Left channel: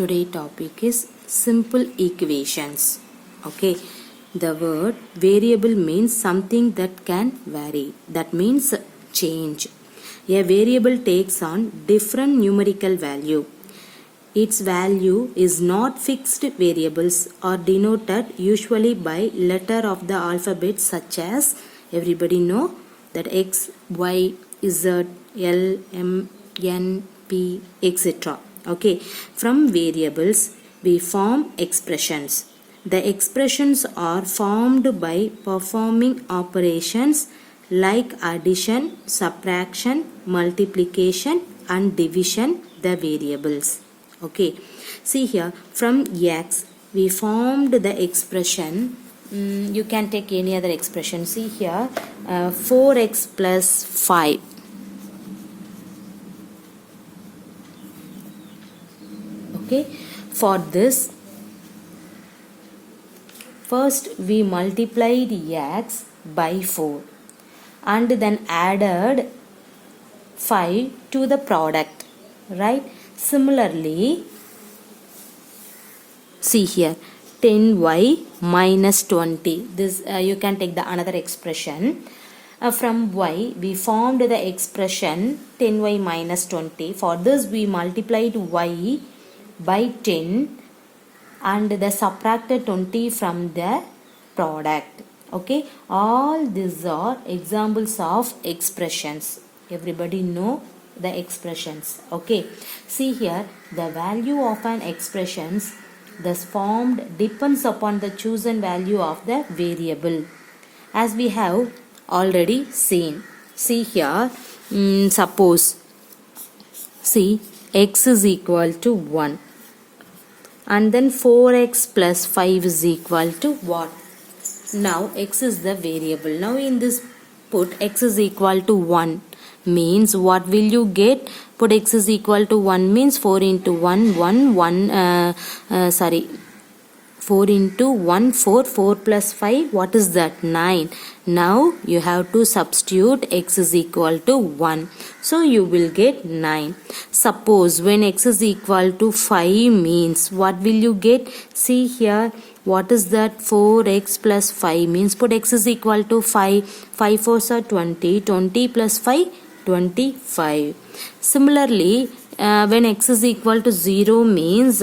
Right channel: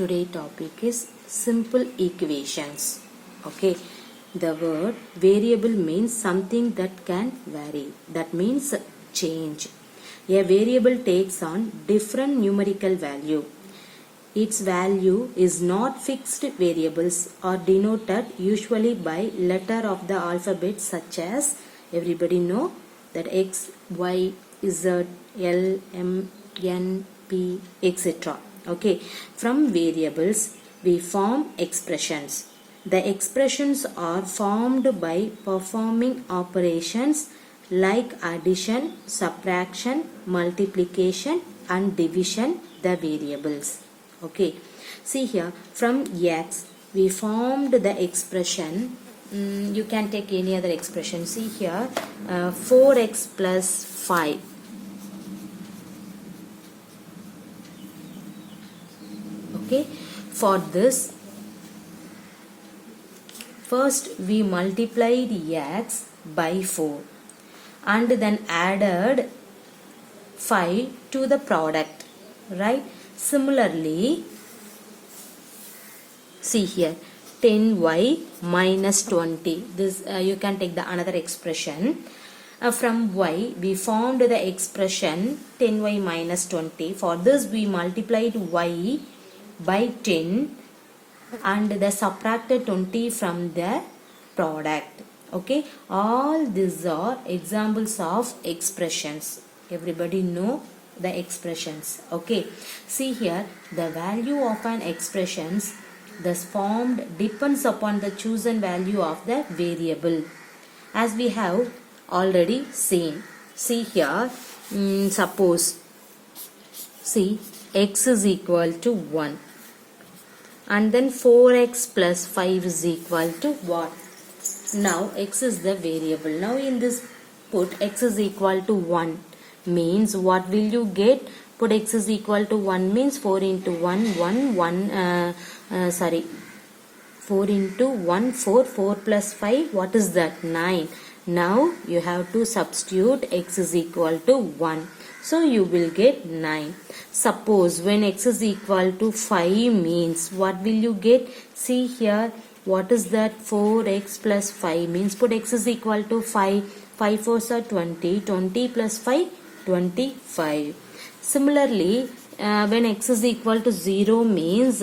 Today topic is simple equations. Okay, the word variable means something that can vary. That means change. A variable takes on different numerical value. Its value is not fixed. Variables are denoted usually by letter of the alphabet such as, everybody know that X, Y, Z, L, M, N, P, etc. Okay, from variables we form expressions. The expressions are formed by performing operations like addition, subtraction, multiplication and division the variables. Okay, see here, from X we formed the expression. You can take any other expression. See here, 4x plus 5. Okay, for this first we multiplied x by 4 and then added 5 to the product, right? Similarly, see here, 10y minus 20. This you can take the another expression. From y we formed the expression 10y minus 20. For this we multiplied y by 10 and the subtracted 20 from the product. Okay, all these are examples of expressions. Everybody know the expressions. Okay, see here, the value of an expressions thus formed depends upon the chosen value of the variable, as we have already seen. See here, suppose, see, x is equal to 1 and then 4x plus 5 is equal to what? Now x is the variable. Now in this put x is equal to 1 means what will you get? Put x is equal to 1 means 4 into 1 4 into 1 4 plus 5, what is that? 9. Now you have to substitute x is equal to 1, so you will get 9. Suppose when x is equal to 5 means what will you get? See here, what is that? 4x plus 5 means put x is equal to 5. 5 4s are 20. 20 plus 5, 25. Similarly, when x is equal to 0 means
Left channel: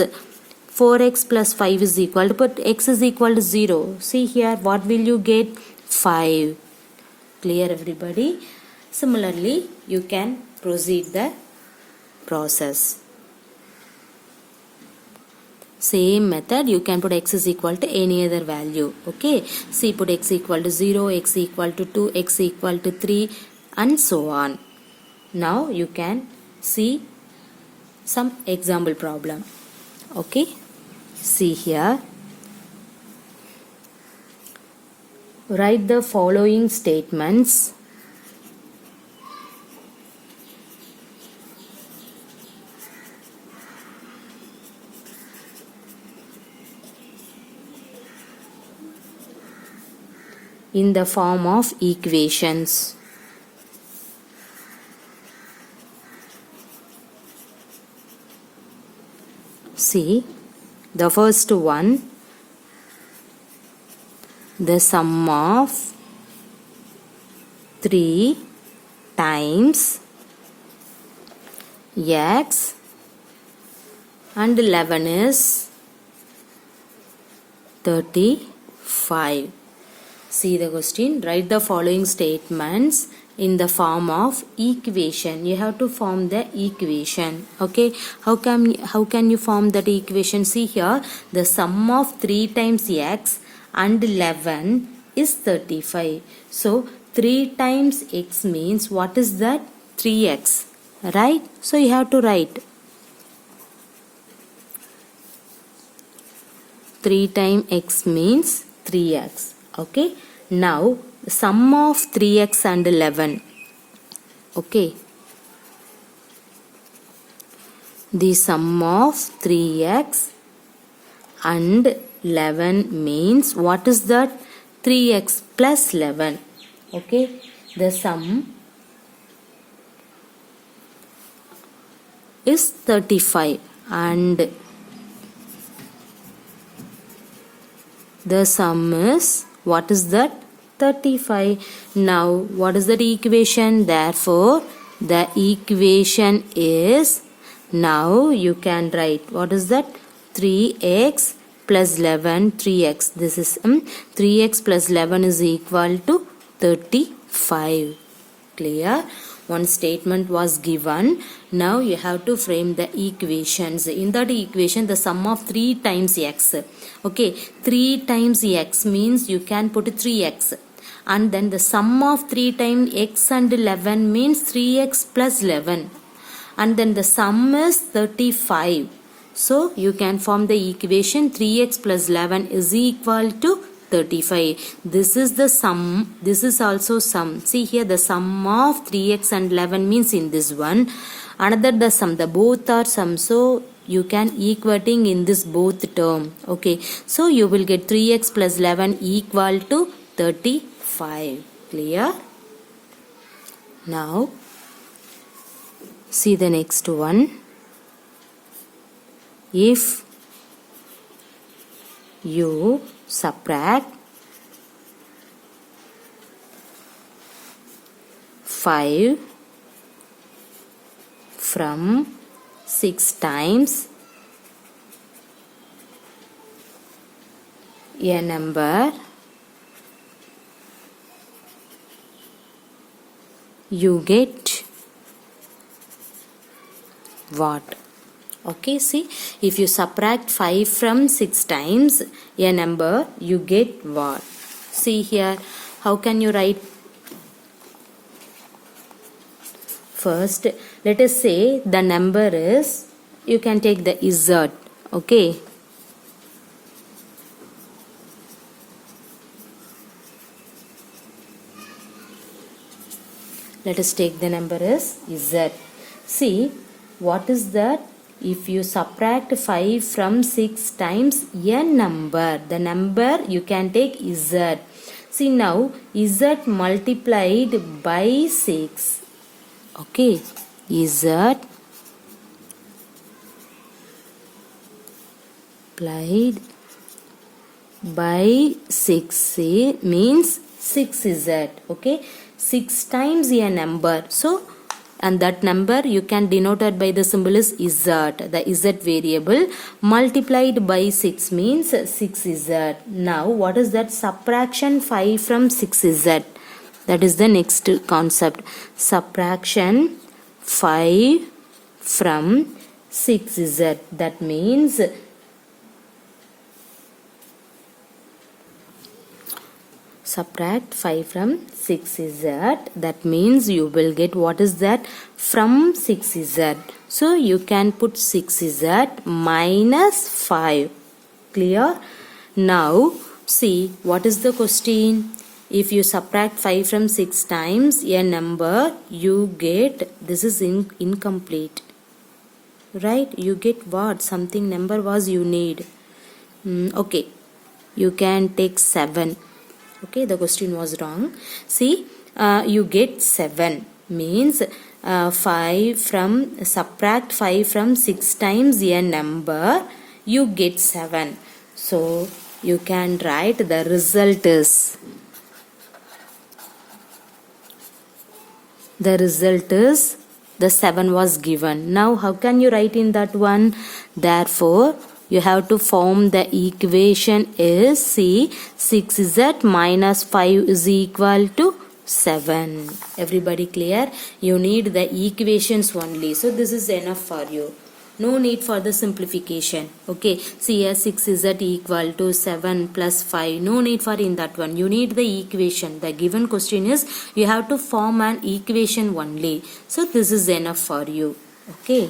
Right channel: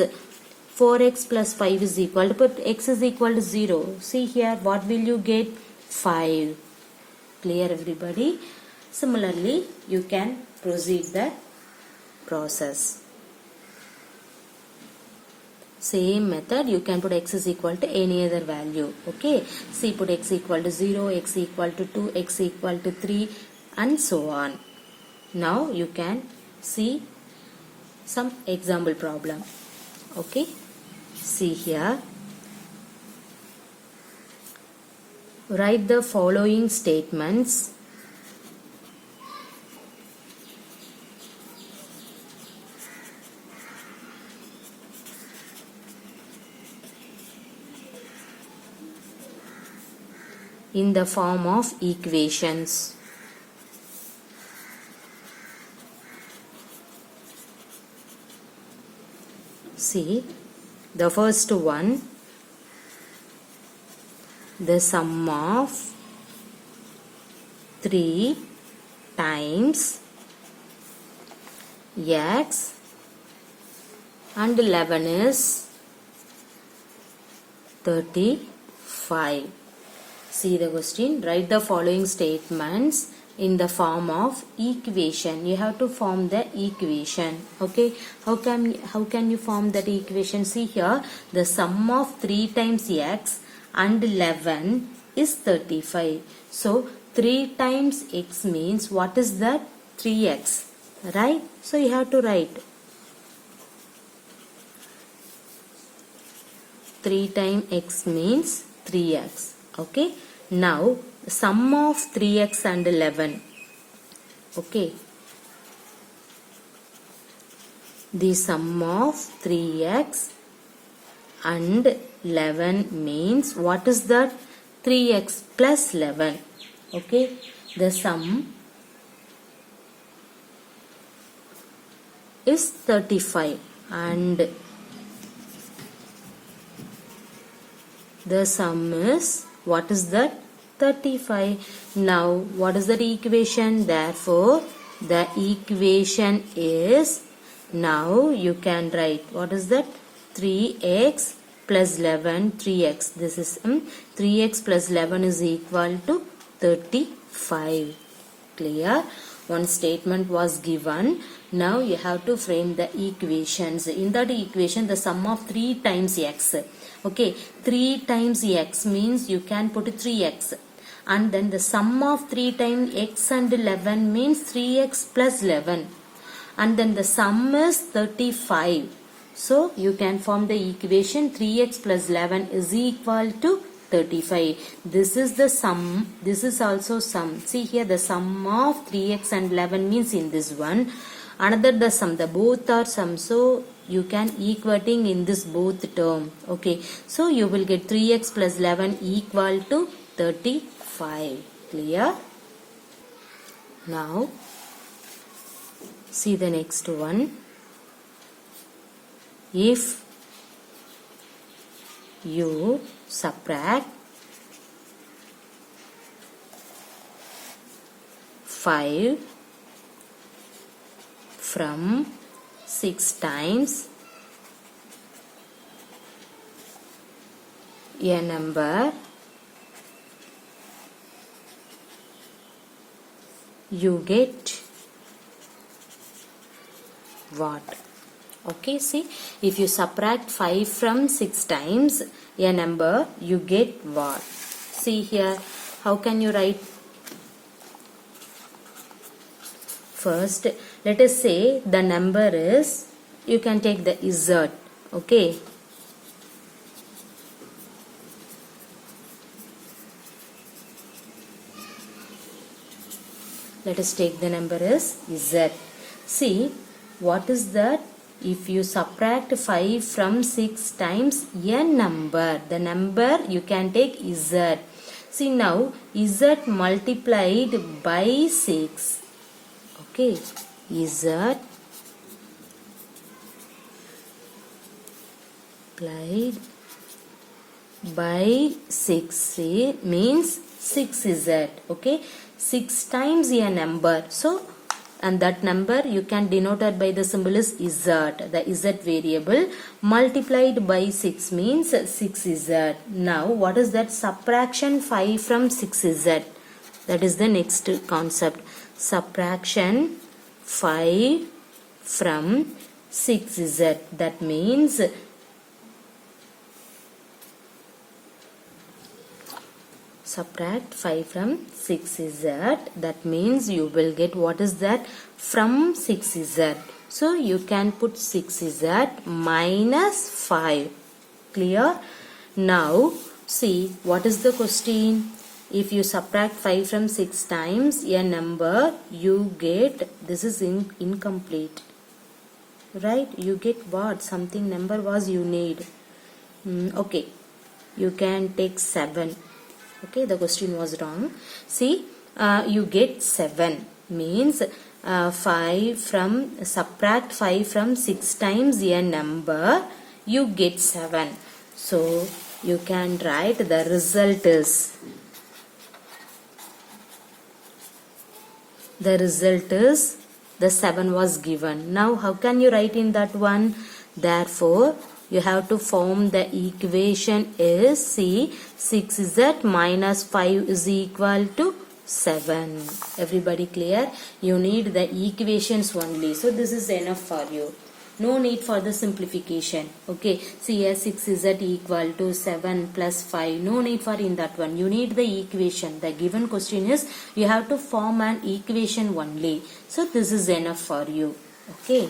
4x plus 5 is equal to, put x is equal to 0. See here, what will you get? 5. Clear everybody? Similarly, you can proceed the process. Same method, you can put x is equal to any other value. Okay, see, put x equal to 0, x equal to 2, x equal to 3 and so on. Now you can see some example problem. Okay, see here, write the following statements. In the form of equations. See, the first one, the sum of 3 times x and 11 is 35. See the question, write the following statements in the form of equation. You have to form the equation. Okay, how can you form that equation? See here, the sum of 3 times x and 11 is 35. So 3 times x means what is that? 3x, right? So you have to write 3 times x means 3x. Okay, now sum of 3x and 11. Okay, the sum of 3x and 11 means what is that? 3x plus 11. Okay, the sum is 35 and The sum is, what is that? 35. Now, what is the equation? Therefore, the equation is, now you can write, what is that? 3x plus 11, 3x. This is 3x plus 11 is equal to 35. Clear? One statement was given. Now you have to frame the equations. In that equation, the sum of 3 times x. Okay, 3 times x means you can put 3x. And then the sum of 3 times x and 11 means 3x plus 11. And then the sum is 35. So you can form the equation 3x plus 11 is equal to 35. This is the sum. This is also sum. See here, the sum of 3x and 11 means in this one. Another the sum. The both are sum. So you can equating in this both term. Okay. So you will get 3x plus 11 equal to 35. Clear? Now see the next one. If you subtract 5 from 6 times a number, you get what? Okay, see, if you subtract 5 from 6 times a number, you get what? See here, how can you write? First, let us say the number is, you can take the z, okay? Let us take the number as z. See, what is that? If you subtract 5 from 6 times a number, the number you can take z. See now, z multiplied by 6. Okay, z multiplied by 6 means 6z. Okay, 6 times a number. So, and that number you can denote it by the symbol is z. The z variable multiplied by 6 means 6z. Now what is that? Subtraction 5 from 6z. That is the next concept. Subtraction 5 from 6z. That means subtract 5 from 6z. That means you will get, what is that? From 6z. So you can put 6z minus 5. Clear? Now see, what is the question? If you subtract 5 from 6 times a number, you get, this is incomplete. Right? You get what? Something number was you need. Okay. You can take 7. Okay, the question was wrong. See, you get 7 means 5 from, subtract 5 from 6 times a number, you get 7. So you can write the result is, the 7 was given. Now how can you write in that one? Therefore you have to form the equation is, see, 6z minus 5 is equal to 7. Everybody clear? You need the equations only. So this is enough for you. No need for the simplification. Okay. See here, 6z equal to 7 plus 5. No need for in that one. You need the equation. The given question is, you have to form an equation only. So this is enough for you. Okay.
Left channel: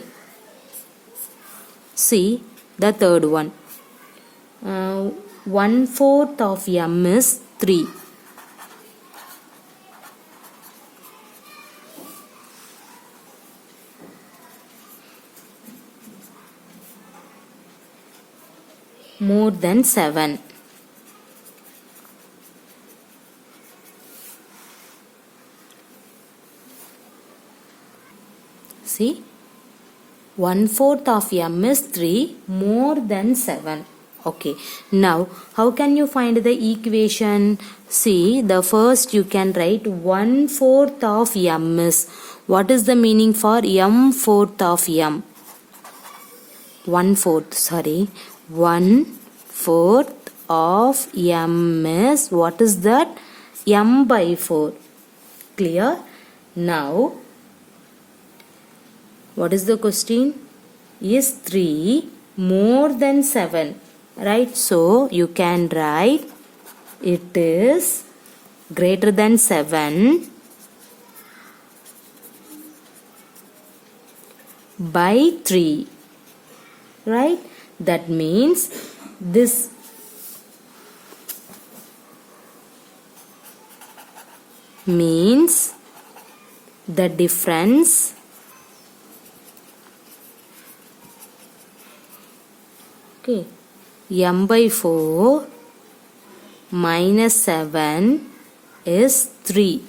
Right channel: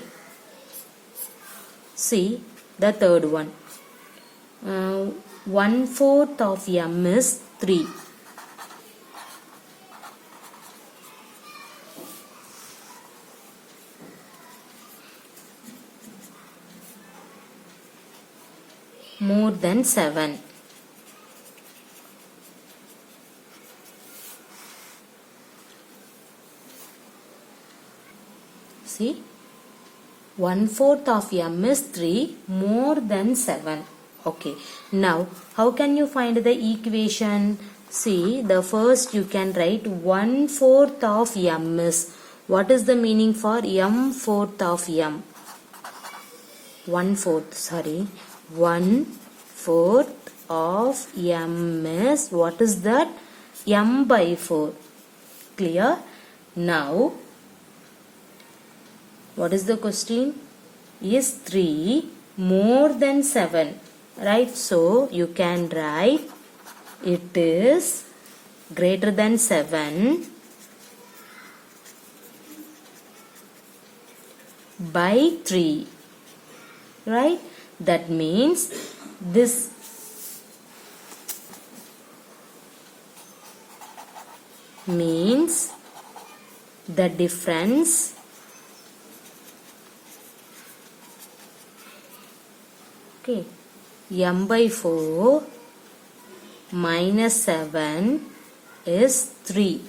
See the third one. 1/4 of m is 3. More than 7. See, 1/4 of m is 3 more than 7. Okay, now how can you find the equation? See, the first you can write 1/4 of m is, what is the meaning for m fourth of m? 1/4, sorry, 1/4 of m is, what is that? M by 4. Clear? Now, what is the question? Is 3 more than 7? Right? So, you can write it is greater than 7 by 3. Right? That means this means the difference m by 4 minus 7 is 3.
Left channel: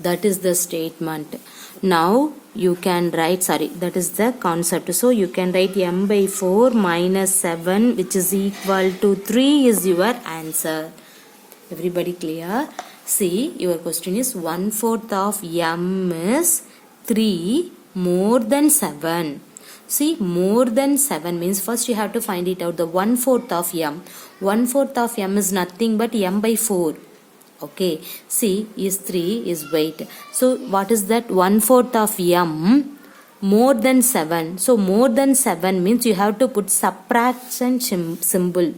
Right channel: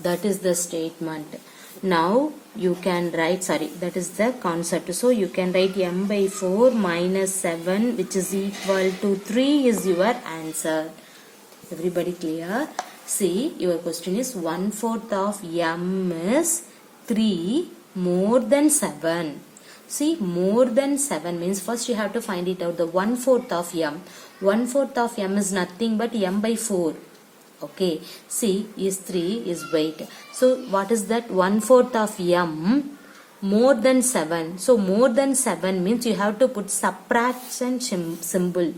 That is the statement. Now you can write, sorry, that is the concept. So you can write m by 4 minus 7 which is equal to 3 is your answer. Everybody clear? See, your question is 1/4 of m is 3 more than 7. See, more than 7 means first you have to find it out. The 1/4 of m. 1/4 of m is nothing but m by 4. Okay. See, is 3 is weight. So, what is that? 1/4 of m more than 7. So, more than 7 means you have to put subtraction symbol.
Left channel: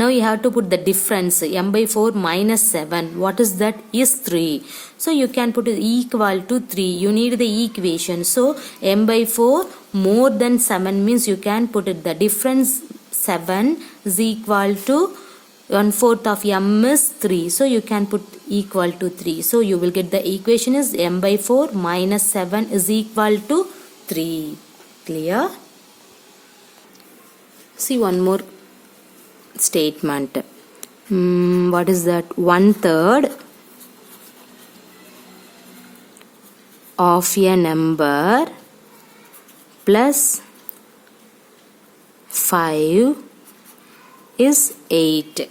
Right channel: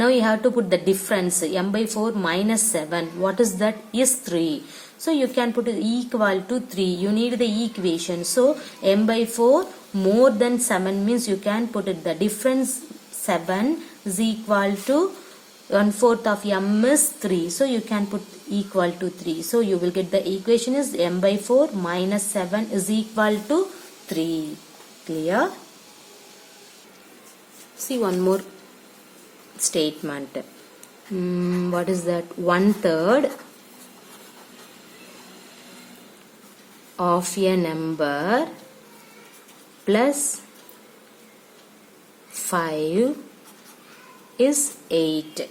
Now you have to put the difference, m by 4 minus 7. What is that? Is 3. So you can put it equal to 3. You need the equation. So m by 4 more than 7 means you can put it. The difference 7 is equal to 1/4 of m is 3. So you can put equal to 3. So you will get the equation is m by 4 minus 7 is equal to 3. Clear? See one more statement. What is that? 1/3 of a number plus 5 is 8.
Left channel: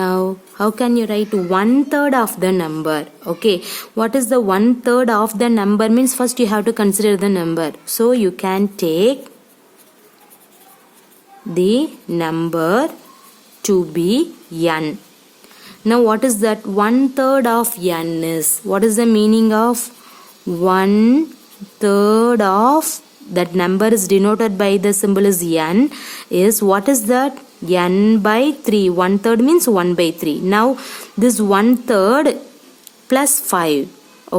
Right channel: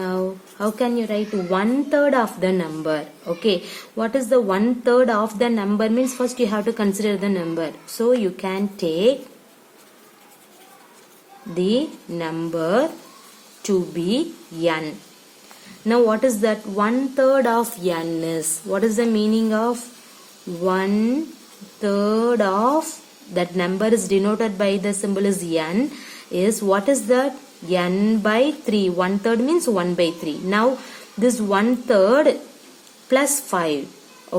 Now, how can you write 1/3 of the number? Okay, what is the 1/3 of the number means first you have to consider the number. So, you can take the number to be n. Now what is that? 1/3 of n is, what is the meaning of 1/3 of, that number is denoted by the symbol is n, is what is that? N by 3. 1/3 means 1 by 3. Now this 1/3 plus 5.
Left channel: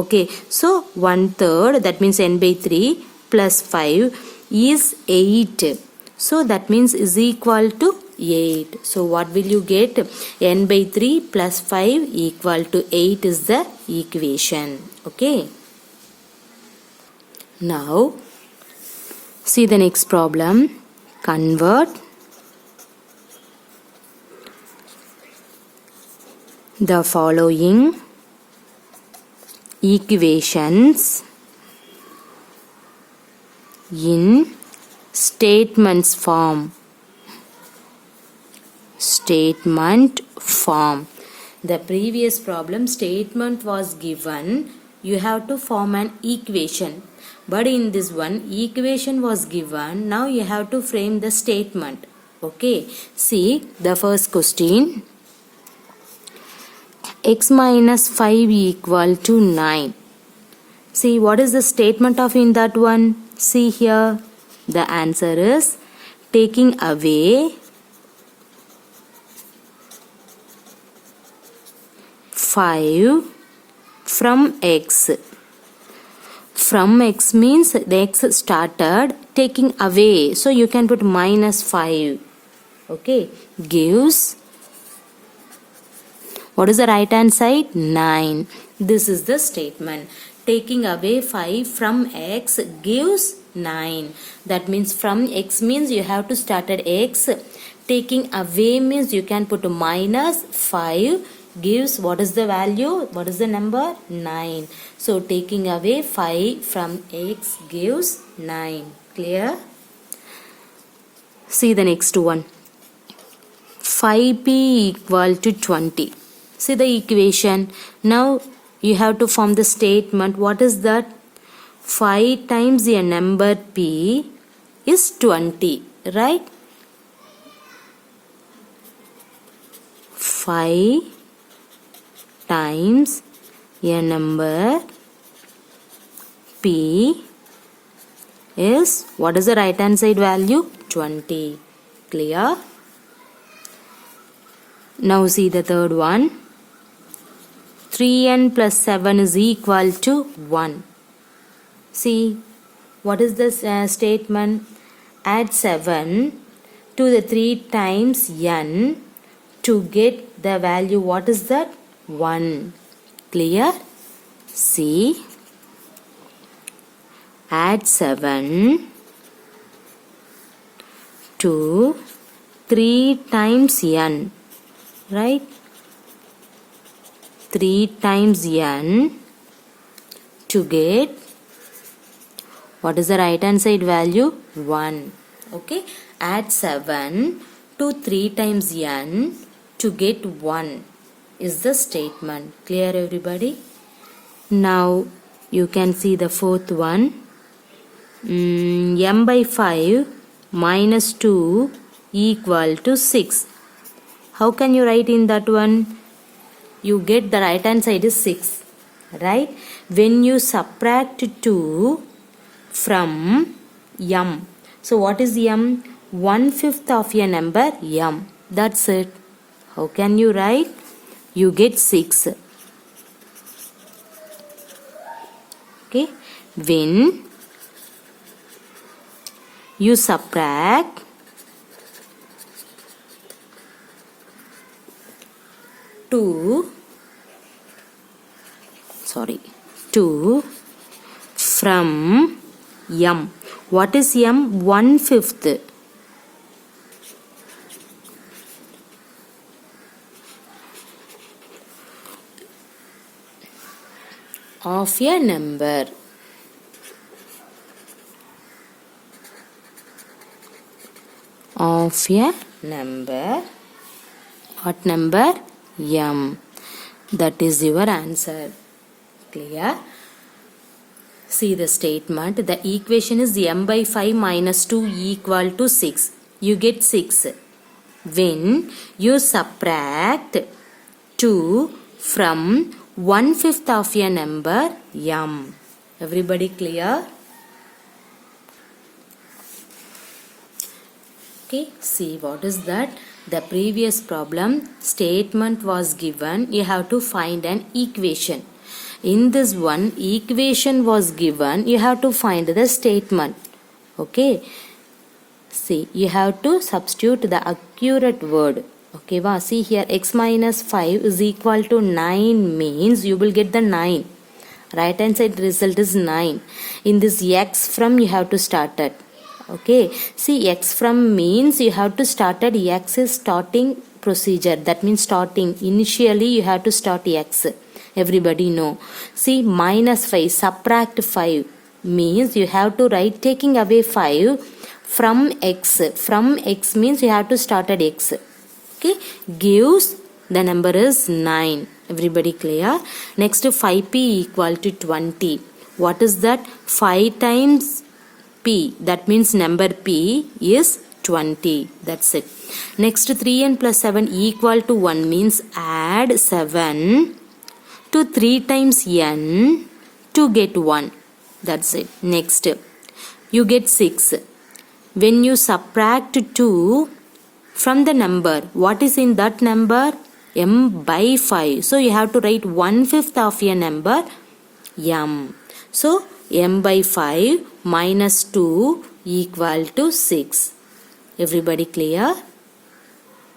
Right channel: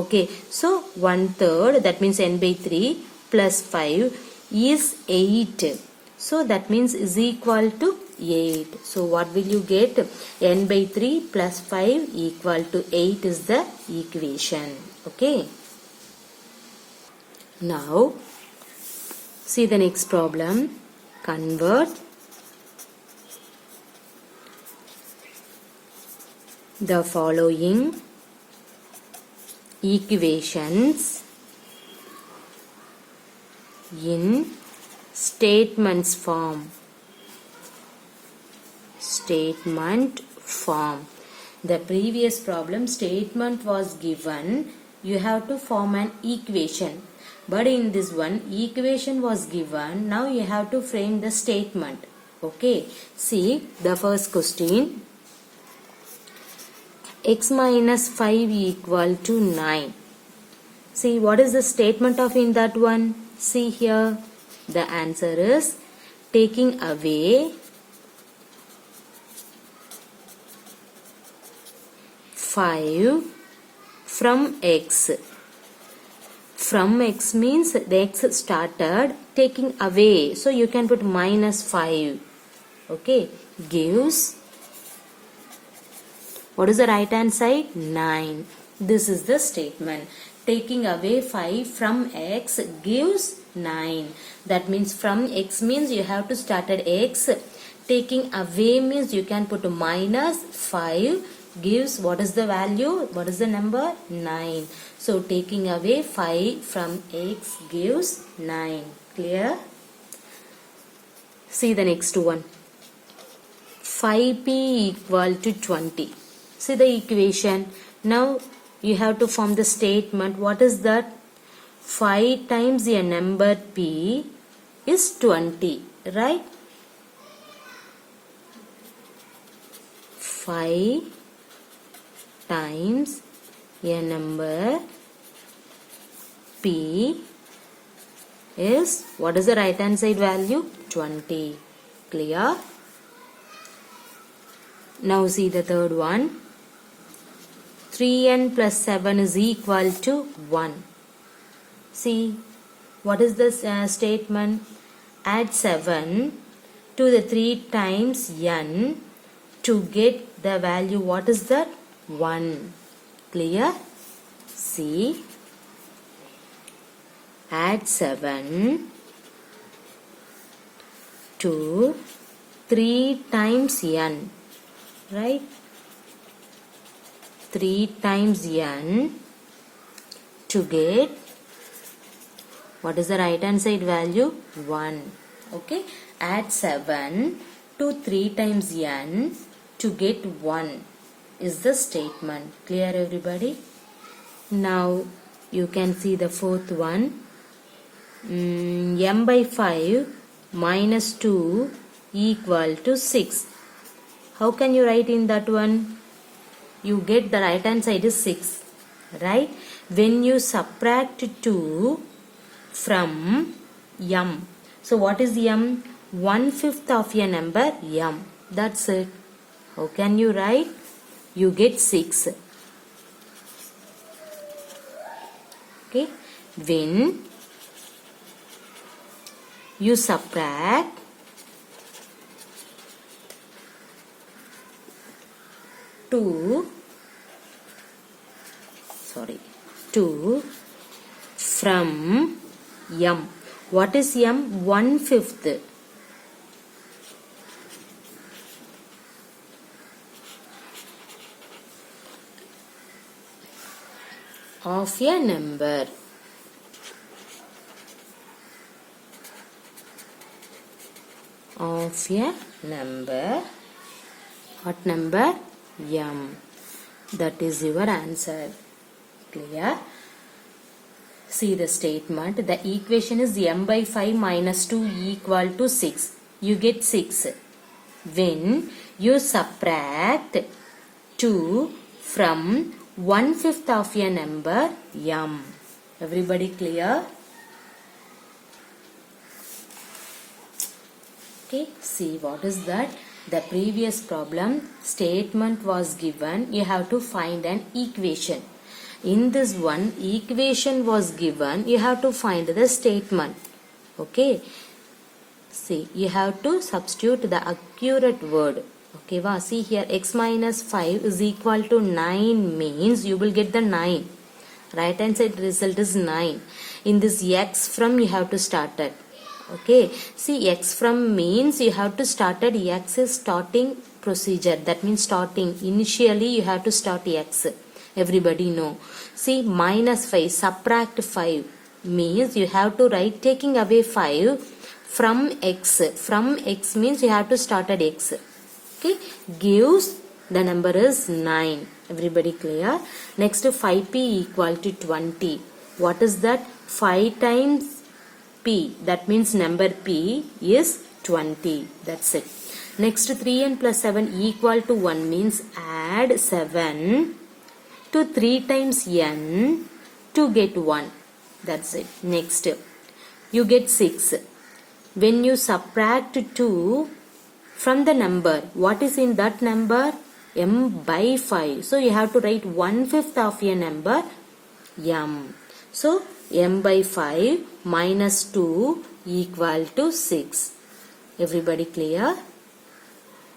Okay, so 1/3, that means n by 3 plus 5 is 8. So that means is equal to 8. So what will you get? N by 3 plus 5 equal to 8 is the equation. Okay. Now see the next problem. Convert the following equations in statements form. Statement form. The previous problem statement was given. You have to form an equation. But in this one equation was given. Now you have to frame the statement. Okay. See the first question. X minus 5 equal to 9. See what is the statement of in that one? See here. The answer is taking away 5 from x. From x means the x started, taking away. So you can put minus 5. Okay. Gives, what is the right hand side? 9. This is the statement. Taking away 5 from x gives 9. That means from x means you have to start at x. Taking away means you can put minus 5 gives, what is the value? What is the number? 9. So taking away 5 from x gives 9. Clear? See the next one. 5p equal to 20. See the equation. Now you have to form the statement. What is that? 5 times a number p is 20, right? 5 times a number p is, what is the right hand side value? 20. Clear? Now see the third one. 3n plus 7 is equal to 1. See, what is this statement? Add 7 to the 3 times n to get the value. What is that? 1. Clear? See, add 7 to 3 times n, right? 3 times n to get, what is the right hand side value? 1. Okay, add 7 to 3 times n to get 1 is the statement. Clear, everybody? Now you can see the fourth one. M by 5 minus 2 equal to 6. How can you write in that one? You get the right hand side is 6, right? When you subtract 2 from m, so what is m? 1/5 of a number m. That's it. How can you write? You get 6. Okay, when you subtract 2 from m. What is m? 1/5. Of a number. Of a number. What number? M. That is your answer. Clear? See the statement. The equation is m by 5 minus 2 equal to 6. You get 6. When you subtract 2 from 1/5 of a number m. Everybody clear? Okay, see what is that? The previous problem, statement was given. You have to find an equation. In this one, equation was given. You have to find the statement. Okay. See, you have to substitute the accurate word. Okay, wow. See here, x minus 5 is equal to 9 means you will get the 9. Right hand side result is 9. In this x from, you have to start it. Okay, see, x from means you have to start at x is starting procedure. That means starting. Initially, you have to start x. Everybody know. See, minus 5, subtract 5 means you have to write taking away 5 from x. From x means you have to start at x. Okay, gives the number is 9. Everybody clear? Next, 5p equal to 20. What is that? 5 times p. That means number p is 20. That's it. Next, 3n plus 7 equal to 1 means add 7 to 3 times n to get 1. That's it. Next, you get 6. When you subtract 2 from the number, what is in that number? M by 5. So you have to write 1/5 of a number m. So m by 5 minus 2 equal to 6. Everybody clear?